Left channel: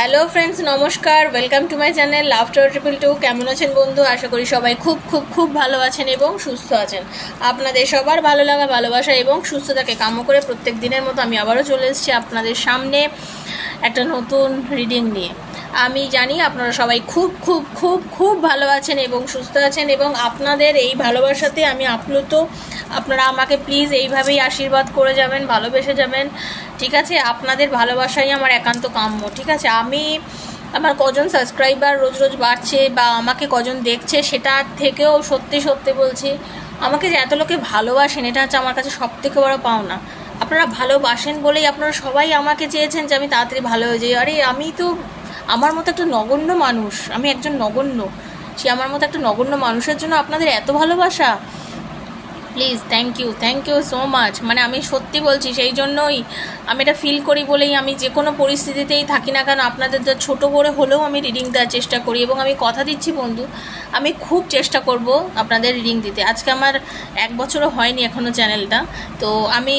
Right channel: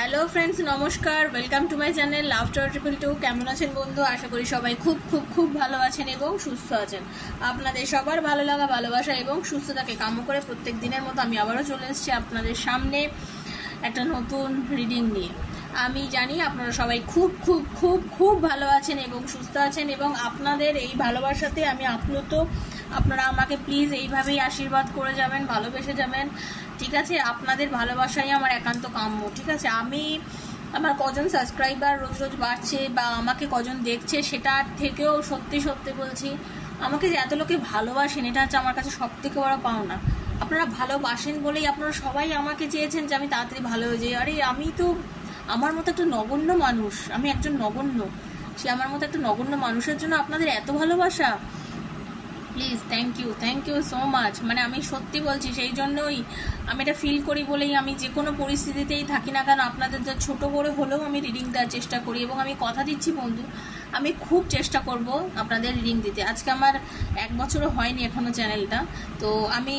Hello friends, নমস্কার। Welcome to my channel laughter 222। কেমন আছেন বন্ধু? আশা করি সবাই খুব খুব খুব ভালো আছেন এবং সুস্থ আছেন। আপনাদের সবার ভালো লাগা, ভালোবাসা এবং সুস্থতাকে কামনা করে প্রত্যেক দিনের মতো আমি আবারও চলে এসেছি আপনাদের সামনে একটা নতুন রিডিং নিয়ে। আমি জানি আপনারা সবাই খুব খুব খুব খুব ভালো আছেন এবং সুস্থ আছেন, এবং আপনাদের এই ভালোবাসাতে আমি আপ্লুত। আপনারা আমাকে প্লিজ এইভাবেই আশীর্বাদ করে যাবেন, ভালোবেসে যাবেন, ঠিক আছে? আপনাদের ভালোবাসাই আমার একান্ত কাম্য, ঠিক আছে? আমার কজন সাবস্ক্রাইবার রোজ রোজ বাড়ছে বা আমাকে কজন দেখছে, সেটা থেকেও সত্যি সত্যি বলছি, আমাকে যে এত লোকে ভালোবাসেন, এটা হচ্ছে আমার কাছে সব থেকে বড় পাওনা। আপনারা ভালোবাসেন বলেই আপনারা সবাই আমাকে চেয়েছেন যে আমি তাড়াতাড়ি ভালো হয়ে যাই। আরে আমি তো আমার মতো একটা নগণ্য মানুষ, আমি একজন নগণ্য, সে আমার মতো একটা নগণ্য মানুষের জন্য আপনাদের এত ভালোবাসা। Please, thank you so much. মানে আমি সত্যি বলছি, সেই জন্যই আমি এটা ফিল করি বলেই আমি যে কোনো পরিস্থিতিতেই থাকি না কেন আপনাদের যা ছোটো করে হলেও আমি রিডিং দেওয়ার চেষ্টা করি, এবং আমি কথা দিচ্ছি বন্ধু, আমি খুব চেষ্টা করব আপনাদের রিডিং দিতে। আজকে আমার 1 বছরও হয়নি এখনও চ্যানেলটা, তো আমি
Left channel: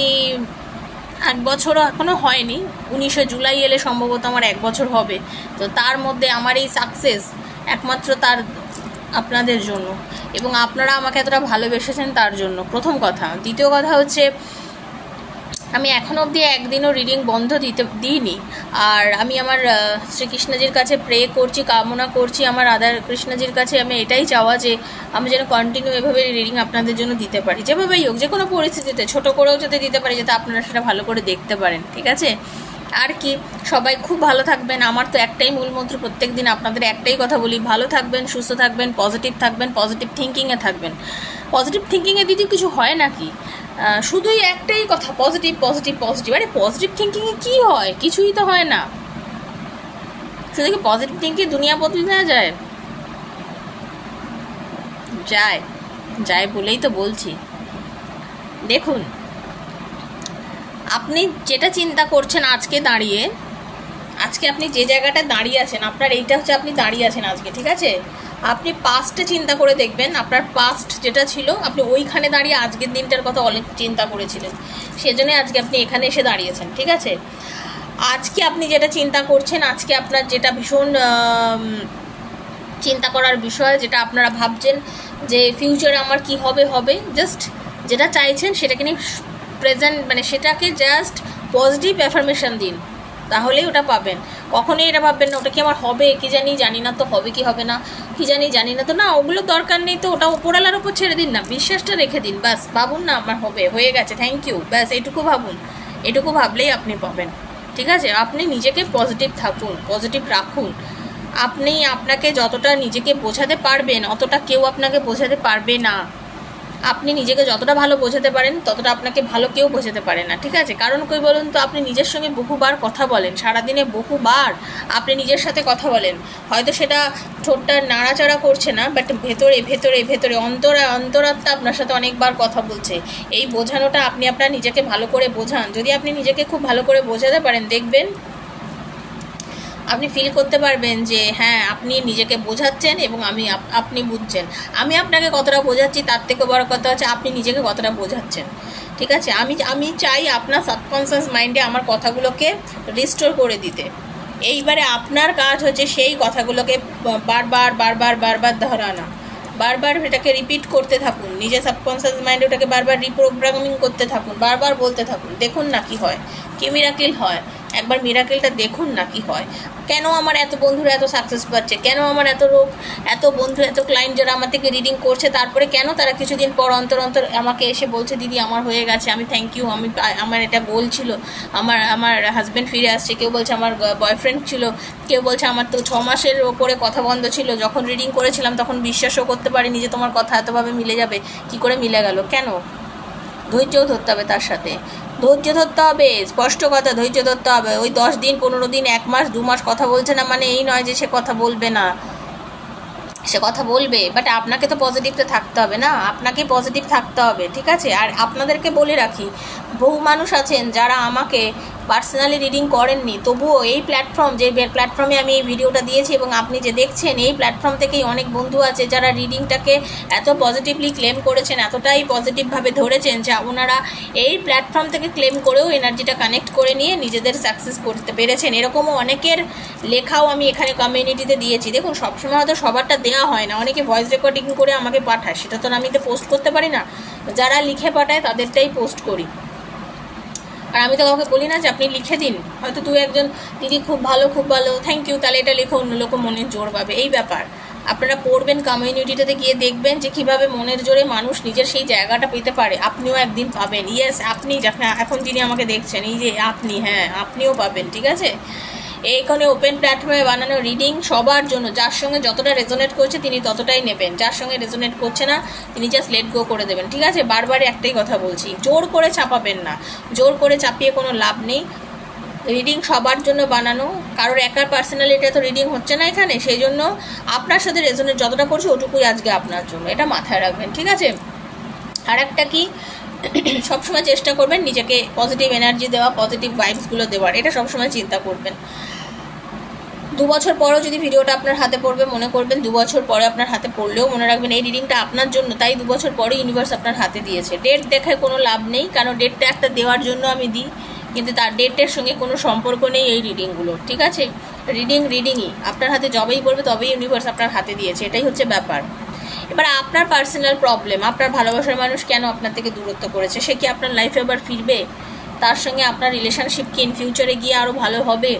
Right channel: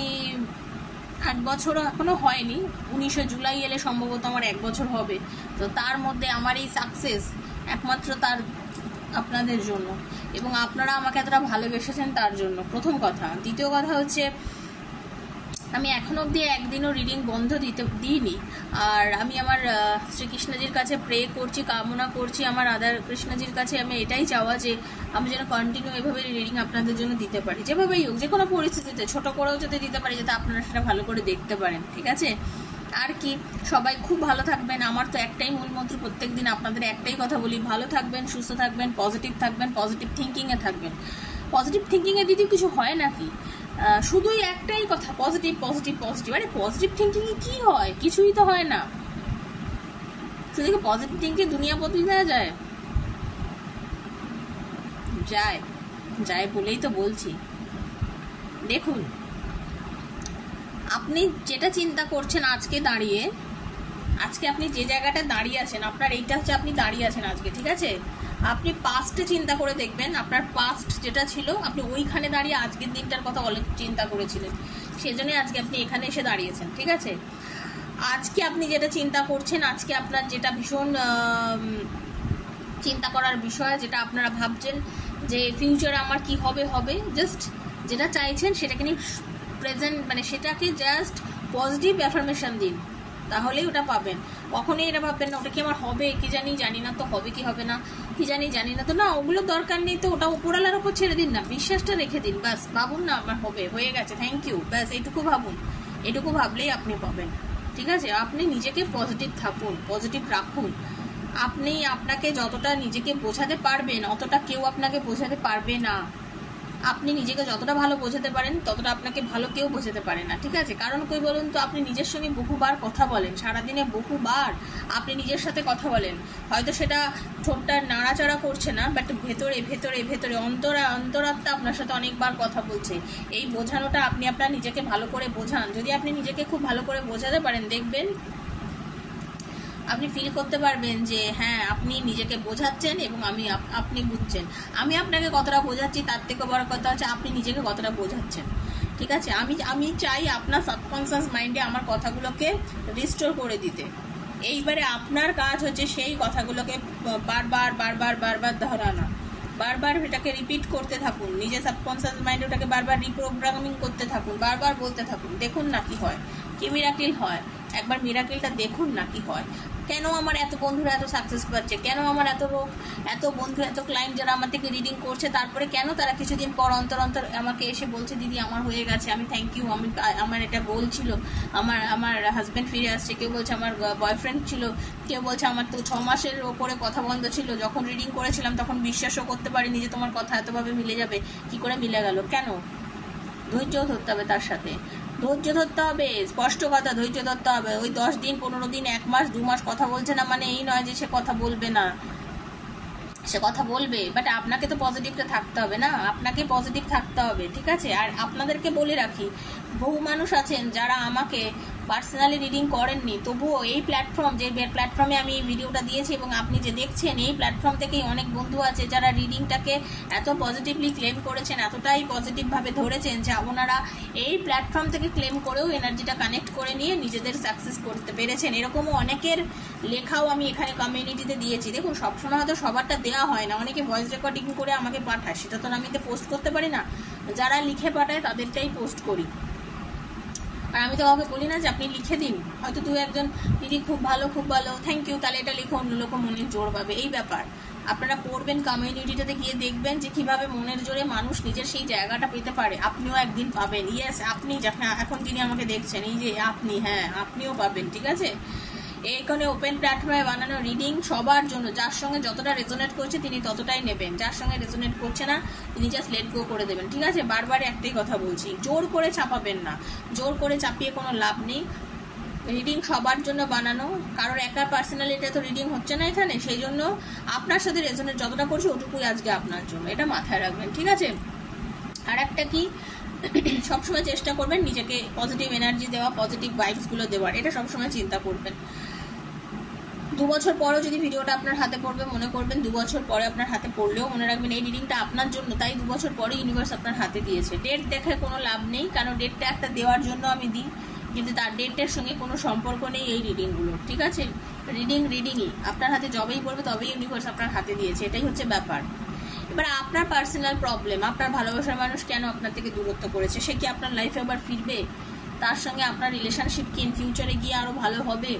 1 বছরও এখনও হয়নি, 19শে জুলাই এলে সম্ভবত আমার 1 বছর হবে। তো তার মধ্যে আমার এই সাকসেস একমাত্র তার আপনাদের জন্য, এবং আপনারা আমাকে এতটা ভালোবেসেছেন তার জন্য, প্রথম কথা। দ্বিতীয় কথা হচ্ছে, আমি এখনও অবধি একদিনও রিডিং বন্ধ দিইনি। আর আমি আমার শ্রীকৃষ্ণজির কাছে প্রে করছি, কামনা করছি, আমার রাধা কৃষ্ণজির কাছে আমি এটাই চাওয়া যে আমি যেন কন্টিনিউ এভাবে রিডিং আপনাদের জন্য দিতে পারি, যেভাবেই হোক, যে কোনো পরিস্থিতিতে ছোট করেও যদি দিতে পারি, যাতে আপনারা সেটা ভালো করে দেখতে পারেন, ঠিক আছে? আর কি, সবাই খুব ভালো থাকবেন। আমার তো একটাই মূলমন্ত্র, প্রত্যেক দিন আপনাদের একটাই কথা বলি, ভালো থাকবেন, সুস্থ থাকবেন, পজিটিভ থাকবেন, পজিটিভ থিঙ্কিংয়ে থাকবেন। পজিটিভ থিঙ্কিংয়ে দিদি কিছু হয় নাকি? শুধুই একটাই কথা, পজিটিভ পজিটিভ পজিটিভ। আরে পজিটিভ থিঙ্কিংয়ে কী হয়? কিছুই তো হয় না। শুধু কি পজিটিভ থিঙ্কিং দুনিয়া বদলে দেওয়া যায়? যায় বলেই তো বলছি। দেখুন, আপনি যেটা চিন্তা করছেন আজকে দাঁড়িয়ে, আজকে আপনি যে জায়গাটা দাঁড়িয়ে আছেন, আপনার এইটা হচ্ছে আপনি দাঁড়িয়ে আছেন আজকে, ঠিক আছে? আপনি পাস্টে চিন্তা করে দেখবেন, আপনার পাস্ট যেটা ছিল, আপনি ওইখানে দাঁড়িয়ে আজকের দিনটার কথা অনেক চিন্তা করেছিলেন, সেজন্যই আজকে আপনি এখানে এসে দাঁড়িয়েছেন, ঠিক আছে? আজকে আপনি যেটা চিন্তা করছেন, আজকে আপনার যেটা ভীষণ চিন্তা করার বিষয়, যেটা আপনারা ভাবছেন যে ফিউচারে আমার কি হবে, জাস্ট যেটা চাইছেন সেটাকে নিয়ে প্রেজেন্ট, মানে সেটাকে জাস্ট পজিটিভ অ্যাফার্মেশন দিন, তাহলেই ওটা পাবেন। কখনোই এটা ভাববেন না ওটা কি আমার হবে, কি জানি না তো হবে কি হবে না, কি জানি না তো, না, ওগুলো দরকার নেই। তো ওটা উপরওয়ালার ওপর ছেড়ে দিন না, বিশ্বাসটা রেখে দিন, ব্যাস। ভাবুন না আমার হবে, হয়ে গেছে, থ্যাংক ইউ, ব্যাস এইটুকু ভাবুন। এটুকু ভাবলেই আপনি পাবেন, ঠিক আছে? আপনি নিজেকে পজিটিভ থাকুন, পজিটিভ রাখুন। আপনি আপনাকে যতটা নিজেকে বোঝাতে পারবেন, অতটা কেউ আপনাকে বোঝাতে পারবে না। আপনি নিজেকে যতটা ভালো বোঝাতে পারেন, ততটা আপনাকে ভালো কেউ বোঝাতে পারে না, ঠিক আছে? কারণ কই বলুন তো, আপনি নিজের সঙ্গে বহুবার কথা বলেন, সারাদিনে বহুবার আপনি নিজের সাথে কথা বলেন। হয়তো সেটা ঠোঁটটা নাড়াচাড়া করছে না, বাট ভেতরে ভেতরে ভেতরে অন্তরাত্মা আপনার সাথে অনেকবার কথা বলছে। এই বোঝানোটা আপনি আপনার নিজেকে ভালো করে বোঝান। যদি আপনি নিজেকে খুব ভালো করে বোঝাতে পারেন, দেখবেন আপনি ফিল করতে পারবেন যে হ্যাঁ, আপনি নিজেকে বোঝাচ্ছেন এবং আপনি বুঝছেন। আমি আপনাকে কতটা বোঝাচ্ছি, তার থেকে বড় কথা হচ্ছে আপনি নিজেকে কতটা বোঝাচ্ছেন, ঠিক আছে? আমি চাই আপনার সাবকনসিয়াস মাইন্ডে আমার কথাগুলোকে রিস্টোর করে দিতে। এইবারে আপনার কাজ হচ্ছে সেই কথাগুলোকে বারবার ধরানো, বারবার এটাকে রিপিট করতে থাকুন, নিজের সাবকনসিয়াস মাইন্ডে ওটাকে বারবার রিপ্রোগ্রামিং করতে থাকুন, বারবার বলতে থাকুন। দেখুন না কি হয়, কি মিরাকেল হয়। একবার মিরাকেলটা দেখুন না কি হয়। কেন আমার এত বন্ধুরা এত সাকসেস পাচ্ছে, কেন আমার এত বন্ধু, এত ক্লায়েন্ট যারা আমার থেকে রিডিং করছে, তারপরে কেন তারা কিছুদিন পর অন্তর আমাকে এসে বলছে দিদি আমার হয়ে গেছে, আমি থ্যাংক ইউ, আমার এটা গোল ছিল, আমার হাজব্যান্ড ফিরে আসছে, কেউ বলছে আমার বয়ফ্রেন্ড ছিল, কেউ বলছে আমার তো 6 মাসের ওপরে কথা বন্ধ ছিল, যখন রিডিং করেছিলাম তখন বিশ্বাসও করতে পারিনি যে তোমার কথা এতভাবে মিলে যাবে, কি করে মিলে গেল। কেন? ধৈর্যও ধরতে হবে, তার সাথে ধৈর্য ধরতে হবে, স্পষ্ট কথা, ধৈর্য ধরতে হবে। ওই 10 দিন 15 দিন 1 মাস 2 মাস কথা বলছে না মানে এই নয় যে সে কথা বলবে না, সে কথা বলবে, বাট আপনাকে তো পজিটিভতে থাকতে হবে না, আপনাকে পজিটিভ থাকতে হবে, ঠিক আছে? আর আপনাদেরকে বলে রাখি, বহু মানুষ আছেন যারা আমাকে পার্সোনালি রিডিং করেননি, তবুও এই প্ল্যাটফর্ম, যে প্ল্যাটফর্মে আমি এই ভিডিওটা দিয়েছি এবং আপনি যে দেখছেন, এই প্ল্যাটফর্ম থেকেই অনেক বন্ধু আছে যারা রিডিংটাকে এত পজিটিভলি ক্লেম করেছেন, এতটাই পজিটিভভাবে ধরেছেন যে ওনারা এই প্ল্যাটফর্ম থেকে ক্লেম করেও এনার্জিটা কানেক্ট করে নিয়ে নিজেদের সাকসেস করতে পেরেছেন। এরকমও অনেকের লেখাও আমি এখানে কমিউনিটিতে দিয়েছি। দেখুন, সবসময় হয়তো সবারটা দেওয়া হয় না, অনেকে ভয়েস রেকর্ডিং করে আমাকে পাঠায়, সেটা তো আমি তো পোস্ট করতে পারি না। যারা লিখে পাঠায় তাদেরটাই পোস্ট করি। আর আমি তো কাউকে বলি না যে আপনি লিখে দিন, হয়তো দু একজন দিদি খুব ভালো থ্যাংক ইউ, তাহলে এটা লিখে অন্য লোক মনের জোর পাবে। এই ব্যাপার, আপনারা পড়বেন, কমিউনিটিটাতে গিয়ে দেখবেন যে কীভাবে মনের জোরে মানুষ নিজের সেই জায়গাটা পেতে পারে। আপনিও একদিন পাবেন। ইয়েস, আপনি এখন যিনি আমাকে দেখছেন, এই যে আপনি, হ্যাঁ আপনিও পাবেন, ঠিক আছে? এইখানে ওপেন প্ল্যাটফর্মে বানানো রিডিং সবার জন্য। যার সঙ্গে যতটা রেজোনেট করছে তিনি ততটাই নেবেন, যার সঙ্গে রেজোনেট করছে না তিনি জাস্ট লেট গো করে দেবেন, ঠিক আছে? বারবার একটাই কথা বলছি, জোর করে চাপাবেন না, জোর করে চাপিয়ে কোনো লাভ নেই। রিডিং সবার জন্য বানানো, কারোর একার পার্সোনালিটা তো রিডিং হচ্ছে না এখানে, সেই জন্য আপনার সাথে রেজোনেট যতটা করছে ওটুকুই আজকে আপনার জন্য, এটা মাথায় রাখবেন, ঠিক আছে? আর একটা কি, সবসময় চেষ্টা করবেন নিজেকে পজিটিভ এনার্জি দেওয়া, পজিটিভ ভাইবসগুলো দেওয়ার, এটা সবসময় চিন্তা করবেন। 2 বছর পরেও যদি ভিডিওটা আপনার হাতে পড়বে, মনে করবেন 2 বছর পরে আপনার হাতে পড়লেও মনে রাখবেন এই রিডিংটা আপনার জন্য, তাই 2 বছর পরে ইউনিভার্স আপনার হাতে দিয়েছে। ডেট দেখায় কোনো লাভ নেই, কারণ ডেটটা একটা দেওয়ার জন্য আমি দিই, কিন্তু তার ডেটের সঙ্গে কোনো সম্পর্ক নেই এই রিডিংগুলো, ঠিক আছে? রিডিংই আপনার হাতে যবেই পড়বে তবেই ইউনিভার্স আপনার হাতে দিয়েছে, এটাই হচ্ছে ব্যাপার। এবার আপনার পার্সোনাল প্রবলেম, আপনার ভালোবাসার মানুষ কেন আপনার থেকে দূরত্ব করেছে, সে কি আপনার লাইফে আবার ফিরবে? তার সঙ্গে আপনার রিলেশনশিপ কি ইন ফিউচারে গিয়ে আরও ভালো হবে?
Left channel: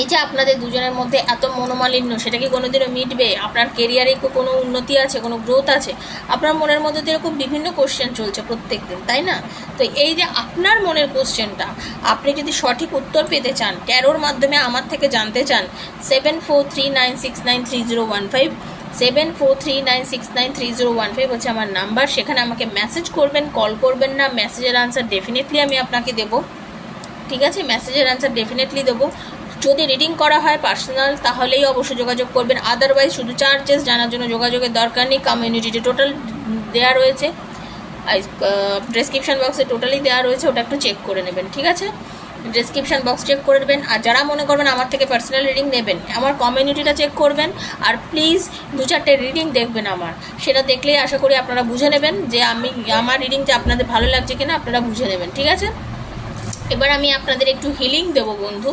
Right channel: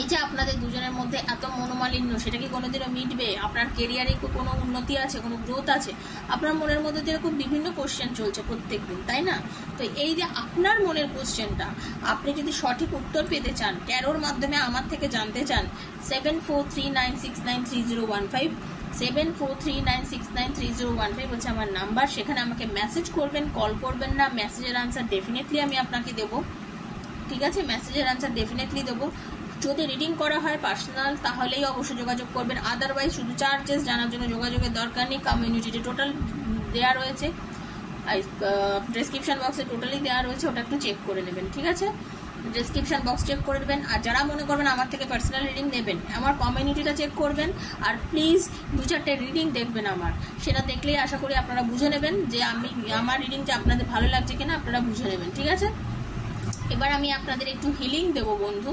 এই যে আপনাদের দুজনের মধ্যে এত মনোমালিন্য, সেটা কি কোনোদিনও মিটবে? আপনার কেরিয়ারে কোনো উন্নতি আছে, কোনো গ্রোথ আছে? আপনার মনের মধ্যে তো এরকম বিভিন্ন কোশ্চেন চলছে প্রত্যেক দিন, তাই না? তো এই যে আপনার মনের কোশ্চেনটা, আপনি যদি সঠিক উত্তর পেতে চান, ট্যারোর মাধ্যমে আমার থেকে জানতে চান, 7439693015 7439693015 হচ্ছে আমার নাম্বার। সেখানে আমাকে মেসেজ করবেন, কল করবেন না। মেসেজের আনসার ডেফিনেটলি আমি আপনাকে দেবো, ঠিক আছে? মেসেজের আনসার ডেফিনেটলি দেবো। যদি রিডিং করা হয় পার্সোনাল, তাহলেই অবশ্যই যোগাযোগ করবেন। আদারওয়াইজ শুধু চার্জেস জানার জন্য যোগাযোগের দরকার নেই। কমিউনিটিতে টোটাল দেওয়া রয়েছে, ডেসক্রিপশন বক্সে টোটালি দেওয়া রয়েছে, ওটা একটু চেক করে নেবেন, ঠিক আছে? ডেসক্রিপশন বক্স চেক করে নেবেন। আর যারা মনে করবেন আমার থেকে পার্সোনাল রিডিং নেবেন, আমার কমিউনিটিটা চেক করবেন, আর প্লিজ 2-4টে রিডিং দেখবেন আমার। সেটা দেখলেই আশা করি আপনারা বুঝে নেবেন যে আমার রিডিংটা আপনাদের ভালো লাগছে কিনা, আপনারা বুঝে নেবেন, ঠিক আছে? এবার আমি আপনাদের একটু হিলিং দেবো বন্ধু,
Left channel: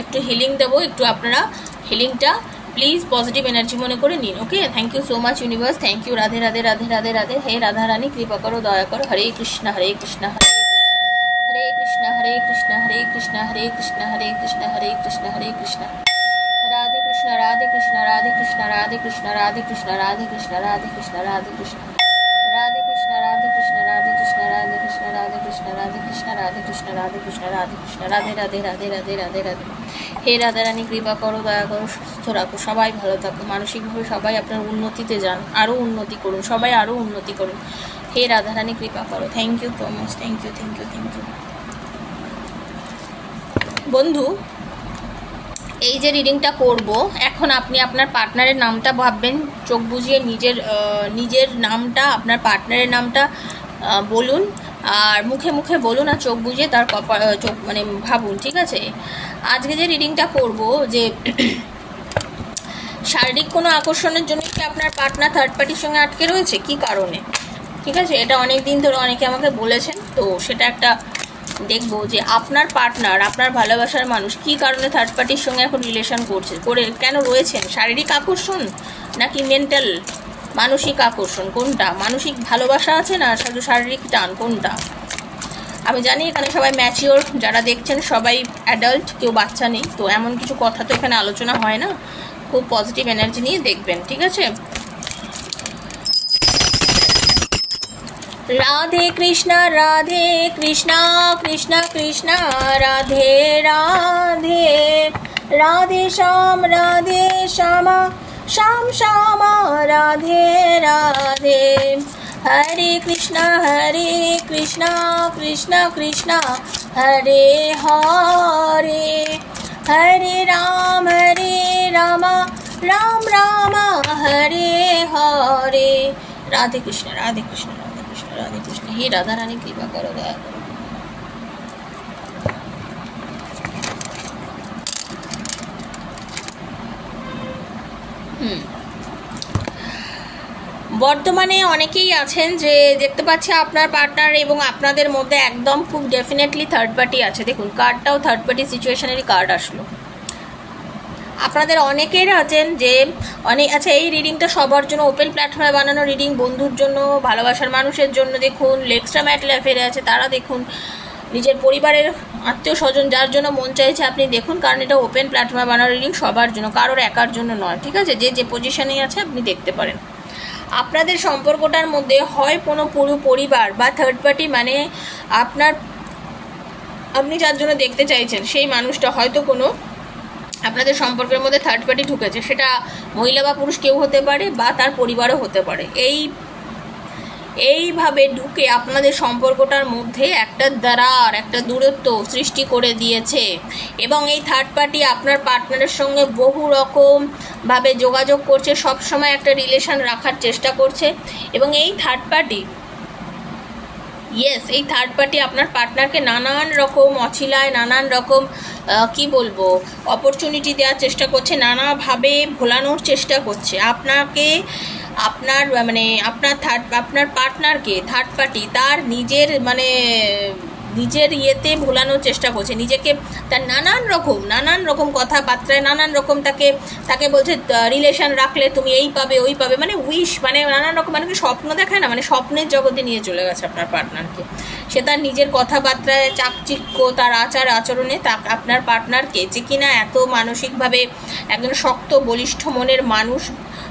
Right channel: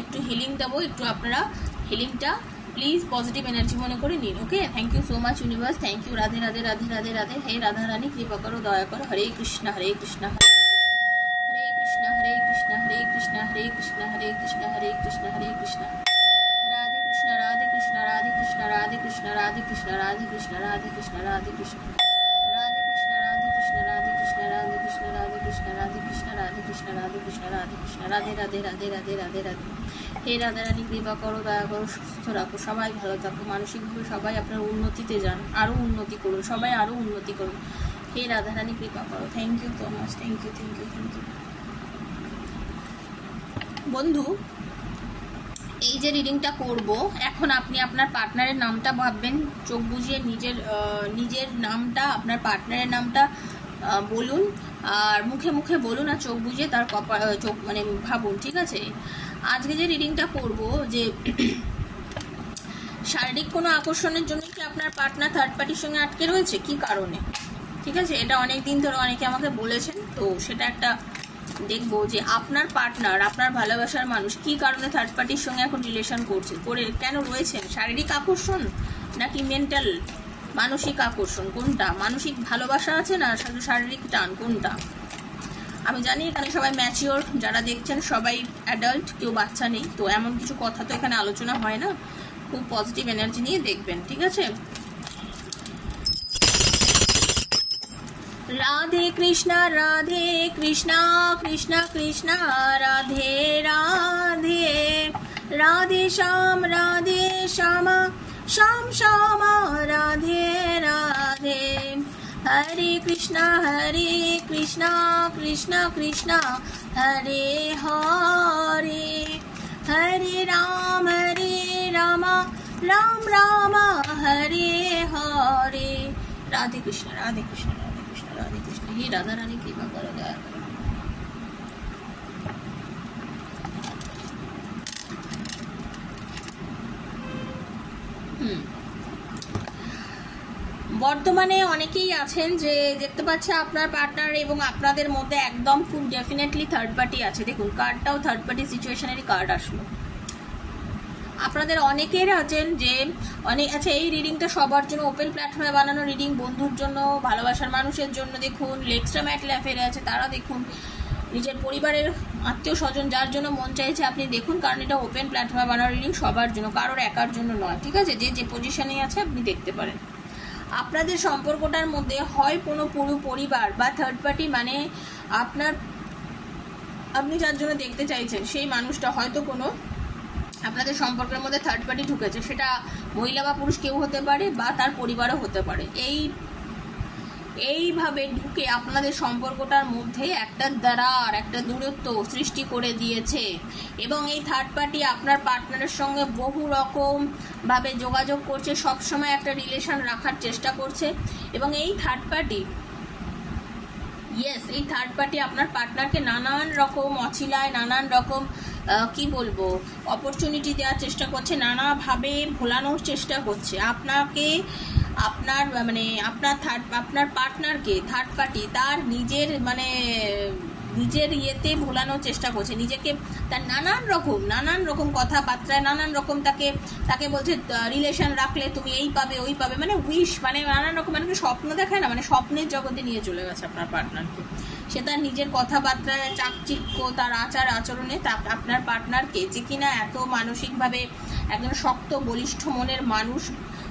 একটু হিলিং দেবো, একটু আপনারা হিলিংটা প্লিজ পজিটিভ এনার্জি মনে করে নিন, okay? Thank you so much universe, thank you. Radhe Radhe Radhe Radhe Radhe. হে রাধা রানী, কৃপা করো, দয়া করো। হরে কৃষ্ণ হরে কৃষ্ণ হরে কৃষ্ণ হরে কৃষ্ণ হরে কৃষ্ণ হরে কৃষ্ণ হরে কৃষ্ণ হরে কৃষ্ণ হরে কৃষ্ণ রাধে কৃষ্ণ রাধে কৃষ্ণ রাধে কৃষ্ণ রাধে কৃষ্ণ রাধে কৃষ্ণ রাধে কৃষ্ণ রাধে কৃষ্ণ রাধে কৃষ্ণ রাধে কৃষ্ণ রাধে কৃষ্ণ রাধে কৃষ্ণ রাধে কৃষ্ণ রাধে কৃষ্ণ রাধে কৃষ্ণ রাধে কৃষ্ণ রাধে কৃষ্ণ রাধে কৃষ্ণ রাধে রাধে রাধে রাধে রাধে রাধে। হে রাধা রানী, কৃপা করো, দয়া করো, সুস্থ রাখো, সবাই ভালো থাকো, মানসিকভাবে সবাই আপনার উন্নতিতে যান, আরও উন্নতি করুন, সবাই আরও উন্নতি করুন। হে রাধা রানী, কৃপা করো। Thank you so much, thank you thank you thank you. বন্ধু, এই যে রিডিংটা করব, এখন আপনি আপনার পার্টনারের নামটা ভাববেন, চোখ বুজিয়ে নিজের নামটা, আপনার পার্টনারের নামটা বলুন, আর মুখে মুখে বলুন, আর চোখ বুজিয়ে তার চোখ মানে ভাবুন, ঠিক আছে? আজকে যে রিডিংটা করব, যে শারীরিক কোনো আকর্ষণের জন্য কি আপনার পার্টনার থার্ড পার্টির সঙ্গে আটকে রয়েছে, কি কারণে, ঠিক আছে? এটা অনেক দিন ধরে অনেকে আমাকে বলেছেন, তো সেটা একটা দেখবো যে আপনার পার্টনার, আপনার ভালোবাসার মানুষ কি কারণে থার্ড পার্টির সঙ্গে এখন রিলেশন করে কেন রয়েছেন? শারীরিক আকর্ষণ নাকি মেন্টাল মানসিক আকর্ষণ, কোনটা? মানসিক ভালোবাসা আছে না শুধু শারীরিক টান, কোনটা? আমি জানি এখানে সবাই ম্যাচিওর, যারা দেখছেন সবাই অ্যাডাল্ট, কেউ বাচ্চা নেই, তো এমন কিছু কথা তো এখানে আলোচনা হয় না। খুব পজিটিভ এনার্জি নিয়ে দেখবেন, ঠিক আছে? রাধে কৃষ্ণ কৃষ্ণ কৃষ্ণ রাধে রাধে, রাধে শ্যাম শ্যাম শ্যাম রাধে রাধে। হরে কৃষ্ণ কৃষ্ণ কৃষ্ণ হরে হরে, হরে রাম রাম রাম হরে হরে। রাধে কৃষ্ণ রাধে কৃষ্ণ রাধে কৃষ্ণ রাধে কৃষ্ণ। হে রাধা রানী, কৃপা করো, দয়া করো। বর্তমানে অনেকেই আছেন যে দেখতে পাচ্ছে আপনার পার্টনার এবং আপনাদের মধ্যে একদম খুব ডেফিনেটলি থার্ড পার্টি আছে। দেখুন কার্ডটাও থার্ড পার্টি সিচুয়েশনেরই কার্ড আসলো। আপনাদের অনেকের আছেন যে আচ্ছা, এই রিডিংটা সবার জন্য ওপেন প্ল্যাটফর্মে বানানো রিডিং, বন্ধুর জন্য, ভালোবাসার মানুষের জন্য দেখুন, এক্সট্রা ম্যারিটাল অ্যাফেয়ারে আছে তারা দেখুন, নিজের পরিবারের আত্মীয় স্বজন যার জন্য মন চাইছে আপনি দেখুন, কারণ এটা ওপেন প্ল্যাটফর্মে বানানো রিডিং সবার জন্য, কারোর একার জন্য নয়, ঠিক আছে? যে পজিশনেই আছে আপনি দেখতে পারেন। আপনাদের সম্পর্কটার মধ্যে হয় কোনো পুরো পরিবার বা থার্ড পার্টি, মানে আপনি যার জন্য দেখতে চাইছেন সেই মানুষটা হয়তো কোনো আপনাদের সম্পর্কের মধ্যে থার্ড পার্টি ঢুকেছে, সেটা মহিলা বা পুরুষ কেউ হতে পারে বা তার পরিবারও হতে পারে। এইভাবে ঢুকে আপনাদের সম্পর্কটার মধ্যে একটা দূরত্ব সৃষ্টি করে দিয়েছে এবং এই থার্ড পার্টি আপনার পার্টনারের সঙ্গে বহু রকমভাবে যোগাযোগ করছে, সবসময় একটা রিলেশন রাখার চেষ্টা করছে এবং এই থার্ড পার্টি আপনার পার্টনারকে নানান রকম অছিলায়, নানান রকম অপরচুনিটি দেওয়ার চেষ্টা করছে, নানাভাবে ভোলানোর চেষ্টা করছে আপনার পার্টনারকে। থার্ড পার্টি তার নিজের ইয়েতে ভোলানোর চেষ্টা করছে, নিজেকে তার নানান রকম কথাবার্তায় নানান রকম তাকে বলছে রিলেশন রাখলে তুমি এই পাবে ওই পাবে, নানান রকম স্বপ্ন দেখায় না, স্বপ্নের জগতে নিয়ে চলে গেছে আপনার পার্টনারকে। সে তার নিজের কথাবার্তায়, চাকচিক্য, তার আচরণে আপনার পার্টনারকে, যে কিনা এত মানসিকভাবে একজন শক্ত বলিষ্ঠ মনের মানুষ,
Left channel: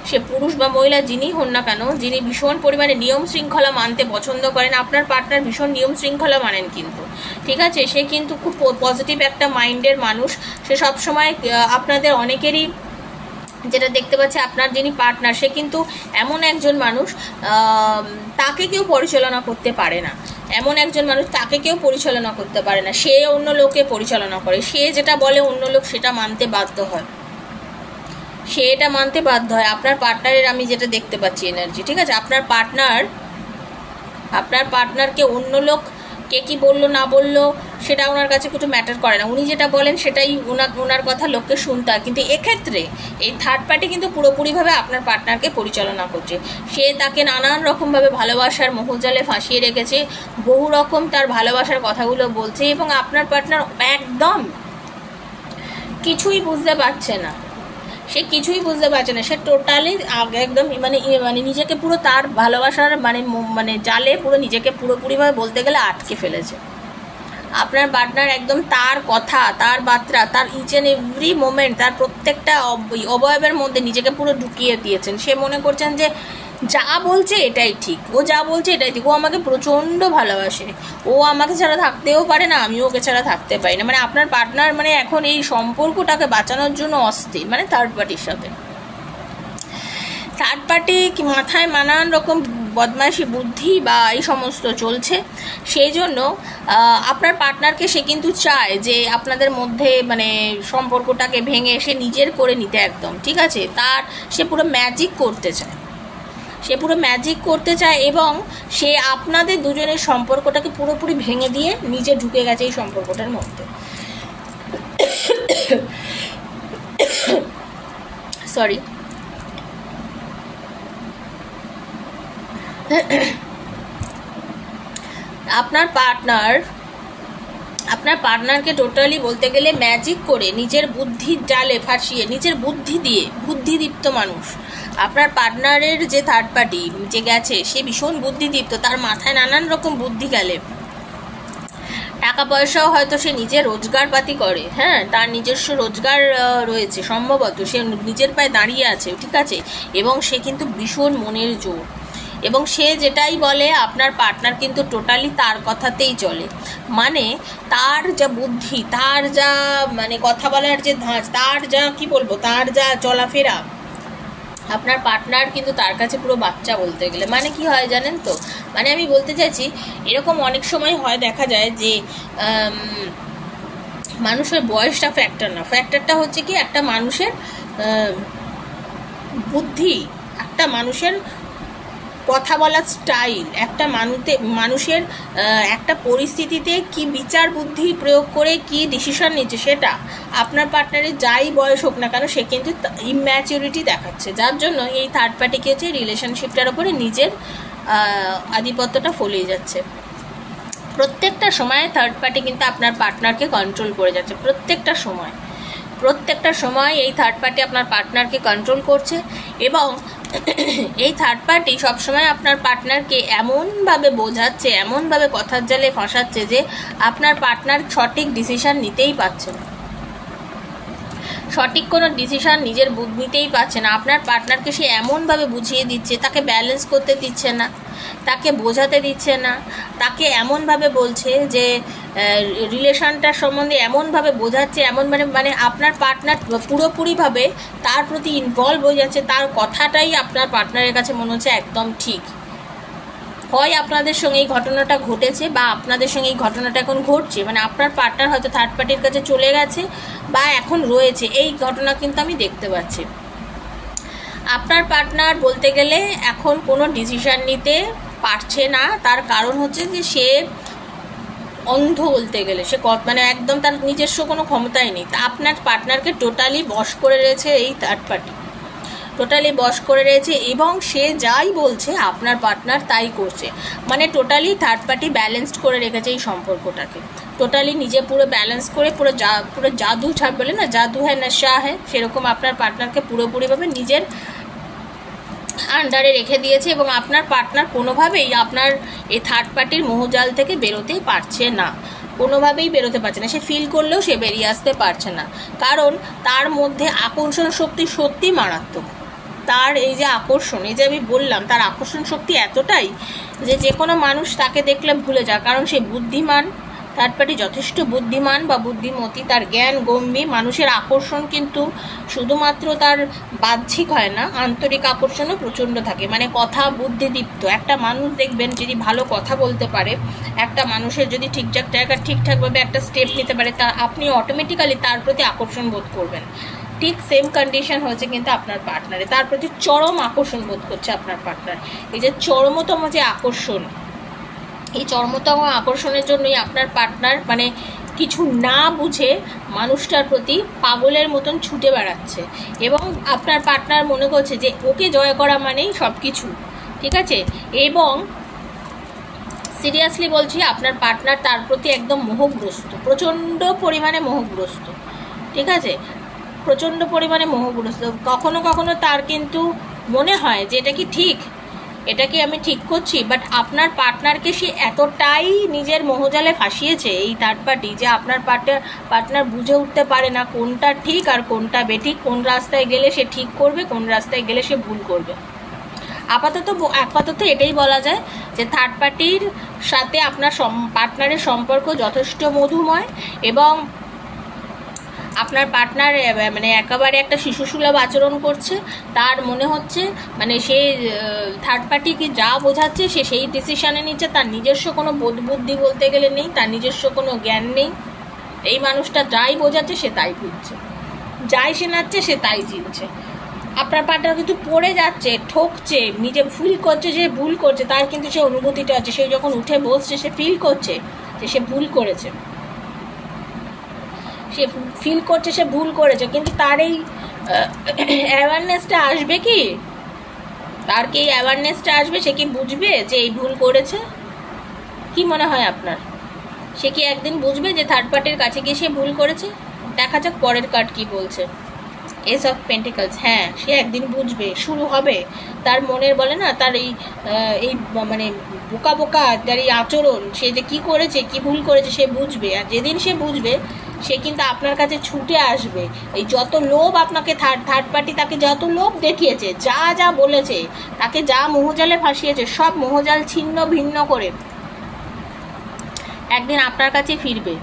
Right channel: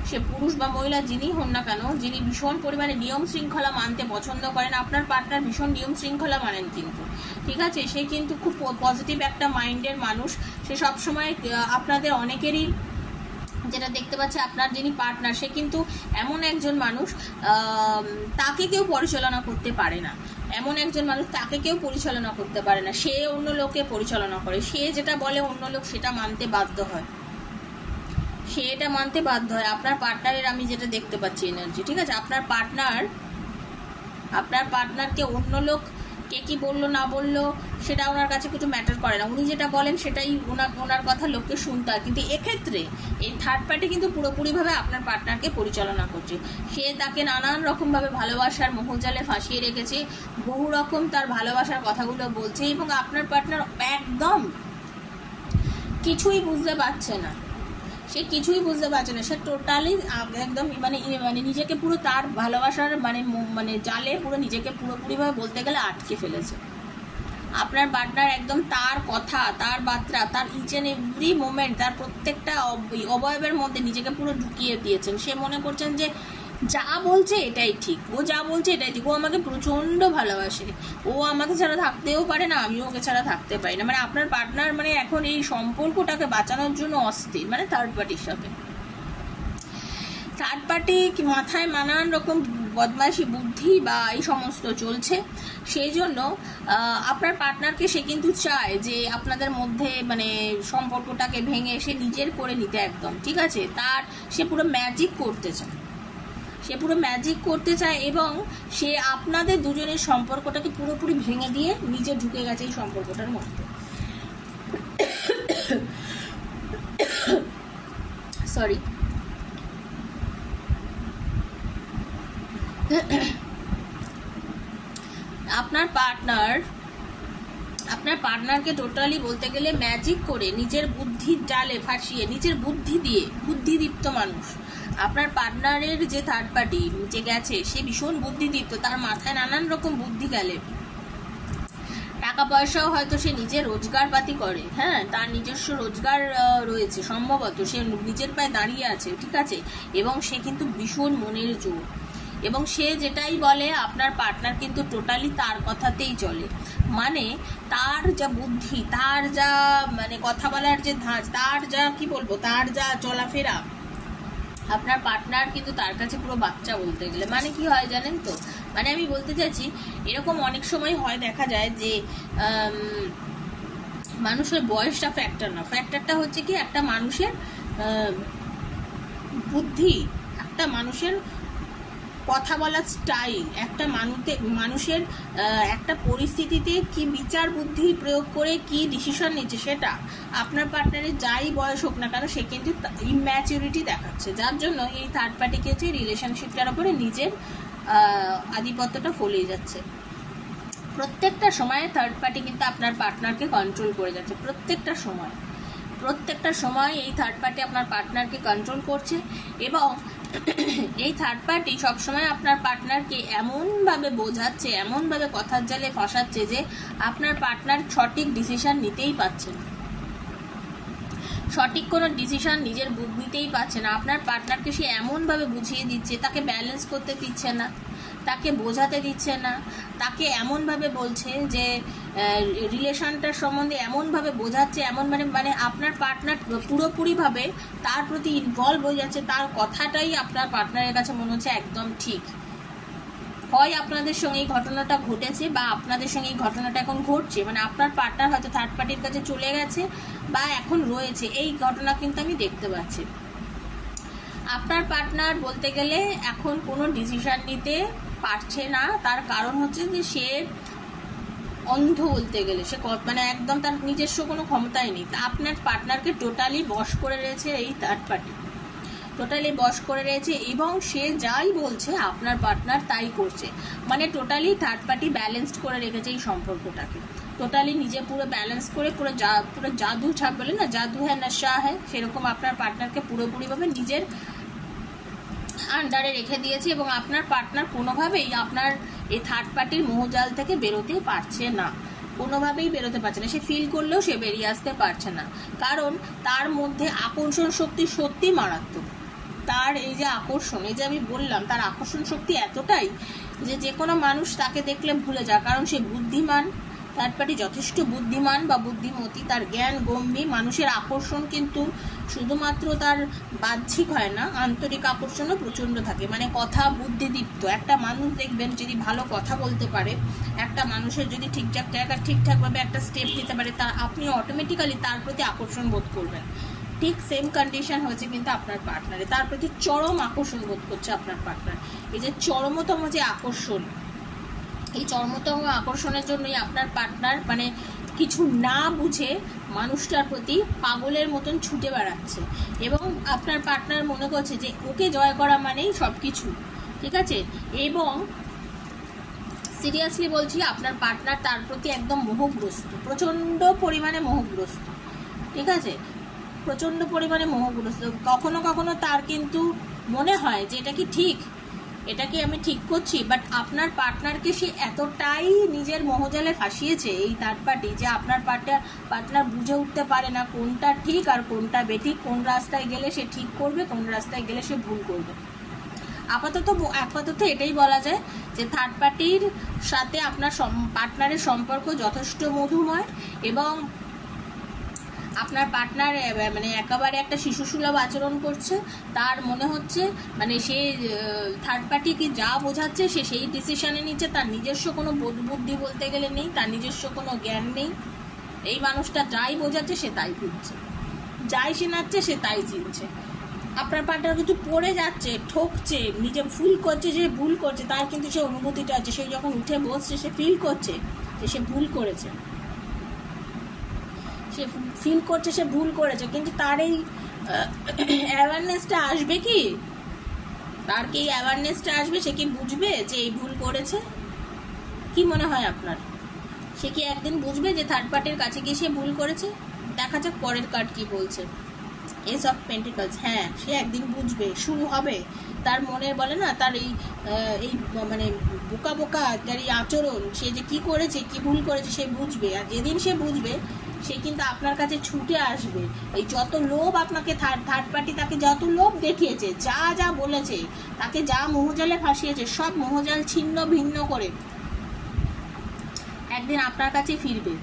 সে পুরুষ বা মহিলা যিনি হন না কেন, যিনি ভীষণ পরিমাণে নিয়ম শৃঙ্খলা মানতে পছন্দ করেন, আপনার পার্টনার ভীষণ নিয়ম শৃঙ্খলা মানেন কিন্তু, ঠিক আছে? সে কিন্তু খুব পজিটিভ একটা মাইন্ডের মানুষ। সে সবসময় আপনাদের অনেকেরই যেটা দেখতে পাচ্ছে, আপনার যিনি পার্টনার সে কিন্তু এমন একজন মানুষ তাকে কেউ পরিচালনা করতে পারে না, সে অন্য লোকে পরিচালনা করে, সে যেটা বলে অন্য লোক সেটা মানতে বাধ্য হয়, আপনার পার্টনারের আমি যেটা দেখতে পাচ্ছি এনার্জি, ঠিক আছে? আপনার পার্টনারকে অন্য লোক কে কি বললো না বললো সেটা ওনার কাছে কিছু ম্যাটার করে না, উনি যেটা বলেন সেটাই ওনার কথা লোককে শুনতে হয়। কিন্তু এক্ষেত্রে এই থার্ড পার্টি কিন্তু পুরোপুরিভাবে আপনার পার্টনারকে পরিচালনা করছে, সে তাকে নানান রকমভাবে ভালোবাসার মোহজালে ফাঁসিয়ে রেখেছে, বহু রকম তার ভালোবাসার কথাগুলো বলছে এবং আপনার পার্টনার একদম কিছুই বুঝতে পারছে না, সে টোটালি একদম নিজেকে পুরো তার ভালোবাসার জালে পুরো নিজেকে পুরোপুরিভাবে বলতে গেলে আটকে ফেলেছে। আপনার পার্টনার একদম তার কথা, তার বার্তা, তার ইচ অ্যান্ড এভরি মোমেন্ট, তার প্রত্যেকটা অবয়বের মধ্যে নিজেকে পুরো ঢুকিয়ে দিয়েছেন। সে মনে করছেন যে যা বলছে এটাই ঠিক, ও আমাকে প্রচণ্ড ভালোবাসে, ও আমাকে ছাড়া থাকতেও পারে না, আমিও ওকে ছাড়া থাকতে পারি না। আপনার পার্টনার এখন এই সম্পর্কটাকে বাঁচানোর জন্য অস্থির, থার্ড পার্টির সাথে। থার্ড পার্টি মাথায় নানান রকম বদমাইশি বুদ্ধি বা এই সমস্ত চলছে, সেই জন্য আপনার পার্টনারকে সে কিন্তু চায় যে আপনাদের মধ্যে সম্পর্কটাকে ভেঙে সে নিজের করে নিতে, একদম ঠিক আছে? সে পুরো ম্যাজিক করতে চায় এবং সে আপনাদের দুজনের সম্পর্কটাকে পুরোপুরি ভেঙে দিয়ে নিজে ঢুকে গেছে এই সম্পর্কটার মধ্যে। সরি, আপনার পার্টনারকে টোটালি বলতে গেলে ম্যাজিক করে নিজের বুদ্ধির জালে ফাঁসিয়ে, নিজের বুদ্ধিদীপ্ত মানুষ। আপনার পার্টনারের যে থার্ড পার্টি যে গেছে সে ভীষণ বুদ্ধিদীপ্ত, তার মাথায় নানান রকম বুদ্ধি গেলে, টাকা পয়সাও হয়তো সে নিজে রোজগারপাতি করে, হ্যাঁ, তার নিজস্ব রোজগার রয়েছে, সম্ভবত সে নিজের পায়ে দাঁড়িয়ে আছে, ঠিক আছে? এবং সে কিন্তু ভীষণ মনের জোর এবং সে যেটাই বলে আপনার পার্টনার কিন্তু টোটালি তার কথাতেই চলে। তার যা বুদ্ধি, তার যা কথা বলার যে ধাঁচ, তার যা তার যা চলাফেরা, আপনার পার্টনার কিন্তু তার কাছে পুরো বাচ্চা বলতে গেলে। কি হয় জানেন তো, আমি বলতে চাইছি এরকম অনেক সময় হয়, দেখা যায় যে মানুষের বয়সটা ফ্যাক্টর না, ফ্যাক্টরটা হচ্ছে কি একটা মানুষের বুদ্ধি, একটা মানুষের কথা বলার স্টাইল, একটা মানুষের একটা পরিস্থিতিতে কি বিচার বুদ্ধি প্রয়োগ করে কি ডিসিশন নিচ্ছে, সেটা আপনার পার্টনারের যাই বয়স হোক না কেন সে কিন্তু ইম্যাচুরিটি দেখাচ্ছে, যার জন্য এই থার্ড পার্টি কি হচ্ছে রিলেশনশিপটার উপরে নিজের আধিপত্যটা ফলিয়ে যাচ্ছে। প্রত্যেকটা সময় থার্ড পার্টি কিন্তু আপনার পার্টনারকে কন্ট্রোল করে যাচ্ছে, প্রত্যেকটা সময় এই থার্ড পার্টি আপনার পার্টনারকে কন্ট্রোল করছে। এবং এই থার্ড পার্টি সবসময় আপনার পার্টনারকে এমনভাবে বোঝাচ্ছে, এমনভাবে কথার জালে ফাঁসাচ্ছে যে আপনার পার্টনার সঠিক ডিসিশন নিতেই পারছে না, সঠিক কোনো ডিসিশন নিজের নিতেই পারছে না। আপনার পার্টনারকে সে এমনভাবে বুঝিয়ে দিচ্ছে, তাকে ব্যালেন্স করতে দিচ্ছে না, তাকে বোঝাতে দিচ্ছে না, তাকে এমনভাবে বলছে যে রিলেশনটার সম্বন্ধে এমনভাবে বোঝাচ্ছে, এমন মানে আপনার পার্টনার পুরোপুরিভাবে তার প্রতি ইনভলভ হয়ে যাচ্ছে, তার কথাটাই আপনার পার্টনারের কাছে মনে হচ্ছে একদম ঠিক। হয় আপনাদের সঙ্গে এই ঘটনাটা ঘটেছে বা আপনাদের সঙ্গে এই ঘটনাটা এখন ঘটছে, মানে আপনার পার্টনার হয়তো থার্ড পার্টির কাছে চলে গেছে বা এখন রয়েছে, এই ঘটনা কিন্তু আমি দেখতে পাচ্ছি। আপনার পার্টনার বলতে গেলে এখন কোনো ডিসিশন নিতে পারছে না, তার কারণ হচ্ছে যে সে অন্ধ, বলতে গেলে সে মানে একদম তার নিজস্ব কোনো ক্ষমতাই নেই। আপনার পার্টনারকে টোটালি বশ করে রয়েছে এই থার্ড পার্টি, টোটালি বশ করে রয়েছে, এবং সে যাই বলছে আপনার পার্টনার তাই করছে, মানে টোটালি থার্ড পার্টি ব্যালেন্সড করে রেখেছে এই সম্পর্কটাকে, টোটালি নিজে পুরো ব্যালেন্স করে পুরো জাদু বলে না, জাদু হ্যাঁ নেশা হ্যাঁ, সেরকম আপনার পার্টনারকে পুরোপুরিভাবে নিজের আন্ডারে রেখে দিয়েছে। এবং আপনার পার্টনার কোনোভাবেই আপনার এই থার্ড পার্টির মোহজাল থেকে বেরোতে পারছে না, কোনোভাবেই বেরোতে পারছে না, সে ফিল করলেও সে বেরিয়ে আসতে পারছে না, কারণ তার মধ্যে আকর্ষণ শক্তি সত্যি মারাত্মক। তার এই যে আকর্ষণ, এই যে আমি বললাম, তার আকর্ষণ শক্তি এতটাই যে কোনো মানুষ তাকে দেখলে ভুলে যায়, কারণ সে বুদ্ধিমান, থার্ড পার্টি যথেষ্ট বুদ্ধিমান বা বুদ্ধিমতী, তার জ্ঞান গম্ভীর। মানুষের আকর্ষণ কিন্তু শুধুমাত্র তার বাহ্যিক হয় না, আন্তরিক আকর্ষণও প্রচণ্ড থাকে, মানে কথা বুদ্ধিদীপ্ত একটা মানুষ দেখবেন যদি ভালো কথা বলতে পারে, একটা মানুষের যদি ঠিকঠাকভাবে একটা স্টেপ নিতে পারে, তা আপনি অটোমেটিক্যালি তার প্রতি আকর্ষণ বোধ করবেন। ঠিক সেম কন্ডিশন হয়েছে কিন্তু আপনার পার্টনারে, তার প্রতি চরম আকর্ষণ বোধ করছে আপনার পার্টনার। এই যে চরমতম যে আকর্ষণ, এই চরমতম আকর্ষণের জন্যই আপনার পার্টনার মানে কিছু না বুঝে মানুষটার প্রতি পাগলের মতন ছুটে বেড়াচ্ছে, এবং আপনার পার্টনার মনে করছে যে ওকে জয় করা মানেই সব কিছু, ঠিক আছে। এবং সিরিয়াসলি বলছি, আপনার পার্টনার তার প্রতি একদম মোহগ্রস্ত, প্রচণ্ড পরিমাণে মোহগ্রস্ত, ঠিক আছে, প্রচণ্ড পরিমাণে মোহগ্রস্ত। কখনো কখনো তার কিন্তু মনে হয় যে এটা কি ঠিক, এটা কি আমি ঠিক করছি, বাট আপনার পার্টনারকে সে এতটাই নিজের মোহজালে ফাঁসিয়েছে এই থার্ড পার্টি, যে আপনার পার্টনার বুঝে উঠতে পারে না কোনটা ঠিক আর কোনটা বেঠিক, কোন রাস্তায় গেলে সে ঠিক করবে, কোন রাস্তায় গেলে সে ভুল করবে। আপাতত এটাই বলা যায় যে থার্ড পার্টির সাথে আপনার পার্টনারের সম্পর্ক যথেষ্ট মধুময়, এবং আপনার পার্টনার মানে একেবারে একটা শিশুসুলভ আচরণ করছে। তার মনে হচ্ছে মানে সে থার্ড পার্টিকে যা বোঝাচ্ছে সে সেই ডিসিশানে নিচ্ছে, তার নিজস্ব কোনো বুদ্ধি বলতে গেলে নেই, তার নিজস্ব কোনো জ্ঞান নেই। এই মানুষটা যাই বোঝাচ্ছে সে তাই বুঝছে, যাই শোনাচ্ছে সে তাই চিনছে। আপনার পার্টনার কিন্তু পড়ে যাচ্ছে, ঠকছে, নিজে ফিল করছে যে ভুল করছে, তার কিন্তু সে অনুভূতিটা আছে, সে যখন উঠে বসছে সে ফিল করছে যে সে ভুল করেছে, সে ফিল করছে সে ভুল করেছে, কিন্তু তার এই অ্যাওয়ারনেসটা আসবে কি, তার কি এই অ্যাওয়ারনেসটা আসবে, সে কি বুঝবে যে এই ভুল করেছে? কি মনে হয় আপনার, সে কি একদিন বুঝবে যে থার্ড পার্টির কাছে গিয়ে সে ভুল করেছে? দেখা যাক পরের কার্ড কি বলছে। এস অফ পেন্টিকলস, হ্যাঁ সে একদিন বুঝবে, শুরু হবে তার মনের বলে না তার এই মানে বোকা বোকা তার এই আচরণ, সে যে কি করেছে কি ভুল করেছে সে বুঝবে। আর যেদিন সে বুঝবে সে কিন্তু আপনার কাছে ছুটে আসবে। এই যত লোভ আপনাকে থার্ড পার্টি তাকে যত লোভ দেখিয়েছে, যা যা বলেছে, তাকে যা মোহজালে ফাঁসিয়েছে, সব মোহজাল ছিন্ন ভিন্ন করে একদিন আপনার কাছে ফিরবে।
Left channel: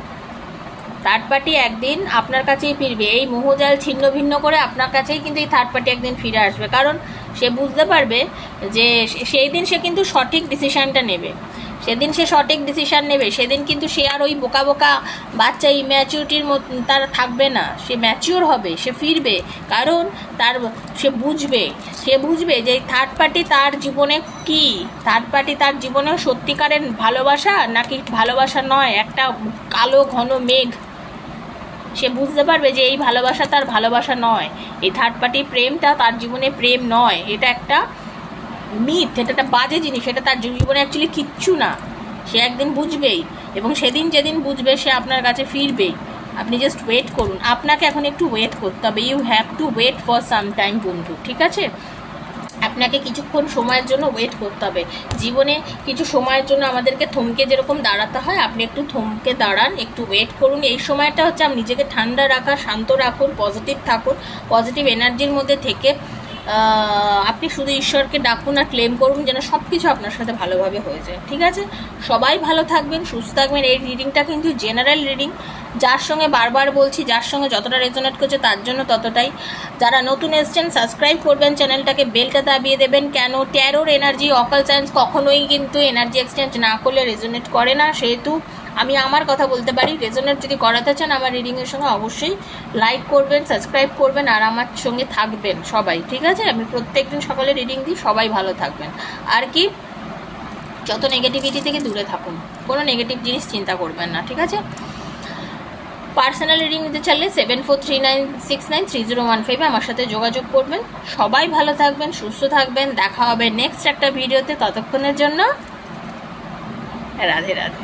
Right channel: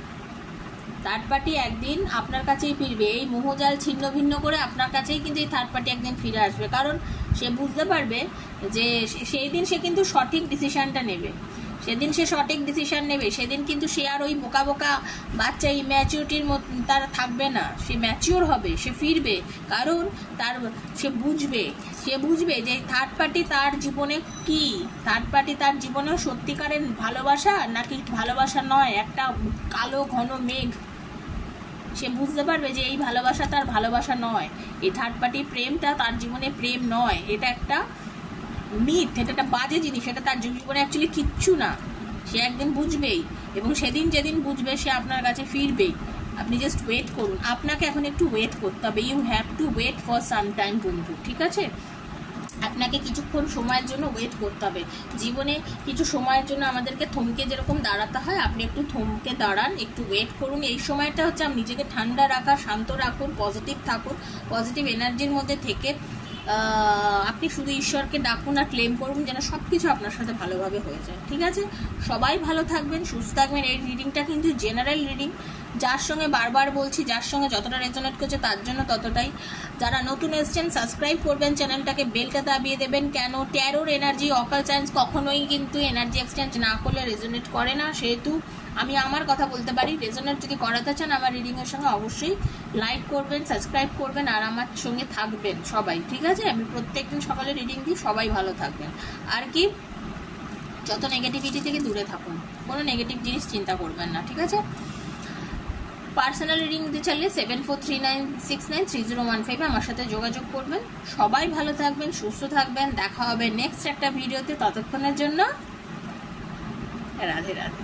থার্ড পার্টি একদিন আপনার কাছেই ফিরবে, এই মোহজাল ছিন্ন ভিন্ন করে আপনার কাছেই কিন্তু এই থার্ড পার্টি একদিন ফিরে আসবে, কারণ সে বুঝতে পারবে যে সেই দিন সে কিন্তু সঠিক ডিসিশানটা নেবে, সেদিন সে সঠিক ডিসিশান নেবে, সেদিন কিন্তু সে আর ওই বোকা বোকা বাচ্চা ইম্যাচিউরিটির মতো তার থাকবে না, সে ম্যাচিওর হবে, সে ফিরবে। কারণ সে বুঝবে যে থার্ড পার্টি তার জীবনে কি, থার্ড পার্টি তার জীবনে সত্যিকারের ভালোবাসা নাকি ভালোবাসা নয়, একটা কালো ঘন মেঘ। সে বুঝতে পারবে যে এই ভালোবাসা তার ভালোবাসা নয়, এই থার্ড পার্টি প্রেমটা তার জীবনে প্রেম নয়, এটা একটা মিথ, এটা একটা বাজে জিনিস, এটা তার জীবনে অ্যাকচুয়ালি কিচ্ছু না। সে একদিন বুঝবেই, এবং যেদিন বুঝবে সে আপনার কাছে ফিরবেই। আপনি জাস্ট ওয়েট করুন, আপনাকে এখন একটু ওয়েট করতে হবে। You have to wait for some time বন্ধু, ঠিক আছে? আপনাকে কিছুক্ষণ সময়ের জন্য ওয়েট করতে হবে। জীবনে কিছু সময়ের জন্য আমাদেরকে থমকে যেরকম দাঁড়াতে হয়, আপনি একটু থমকে দাঁড়ান, একটু ওয়েট করুন। এই সময়টা হচ্ছে আপনি নিজেকে ঠান্ডা রাখা, শান্ত রাখুন, পজিটিভ থাকুন, পজিটিভ এনার্জির মধ্যে থেকে আপনি শুধু ঈশ্বরকে ডাকুন আর ক্লেম করুন যেন সব কিছু আপনার সাথে ভালোভাবে হয়ে যায়, ঠিক আছে? সবাই ভালো থাকবেন, সুস্থ থাকবেন। এই রিডিংটা কিন্তু জেনারেল রিডিং, যার সঙ্গে বারবার বলছি, যার সঙ্গে যতটা রেজোনেট করছে তার জন্য ততটাই। যারা নতুন এসছেন সাবস্ক্রাইব করবেন চ্যানেলটাকে, বেলটা দাবিয়ে দেবেন। কেন? ট্যারোর এনার্জি, অকাল সায়েন্স কখনোই কিন্তু এনার্জি এক্সচেঞ্জ না করলে রেজোনেট করে না, সেহেতু আমি আমার কথা বলতে পারি। রেজোনেট যদি করাতে চান আমার রিডিংয়ের সঙ্গে অবশ্যই লাইক করবেন, সাবস্ক্রাইব করবেন আর আমার সঙ্গে থাকবেন সবাই, ঠিক আছে? আমি প্রত্যেকদিন সকালে রিডিং দিই, সবাই ভালো থাকবেন। আর কি, যত নেগেটিভিটি থেকে দূরে থাকুন, কোনো নেগেটিভ জিনিস চিন্তা করবেন না, ঠিক আছে? পার্সোনাল রিডিং নিতে চাইলে 7439693015 আমার সাথে যোগাযোগ করবেন। সবাই ভালো থাকবেন, সুস্থ থাকবেন। দেখা হবে নেক্সট একটা ভিডিওতে, ততক্ষণের জন্য রাধে রাধে।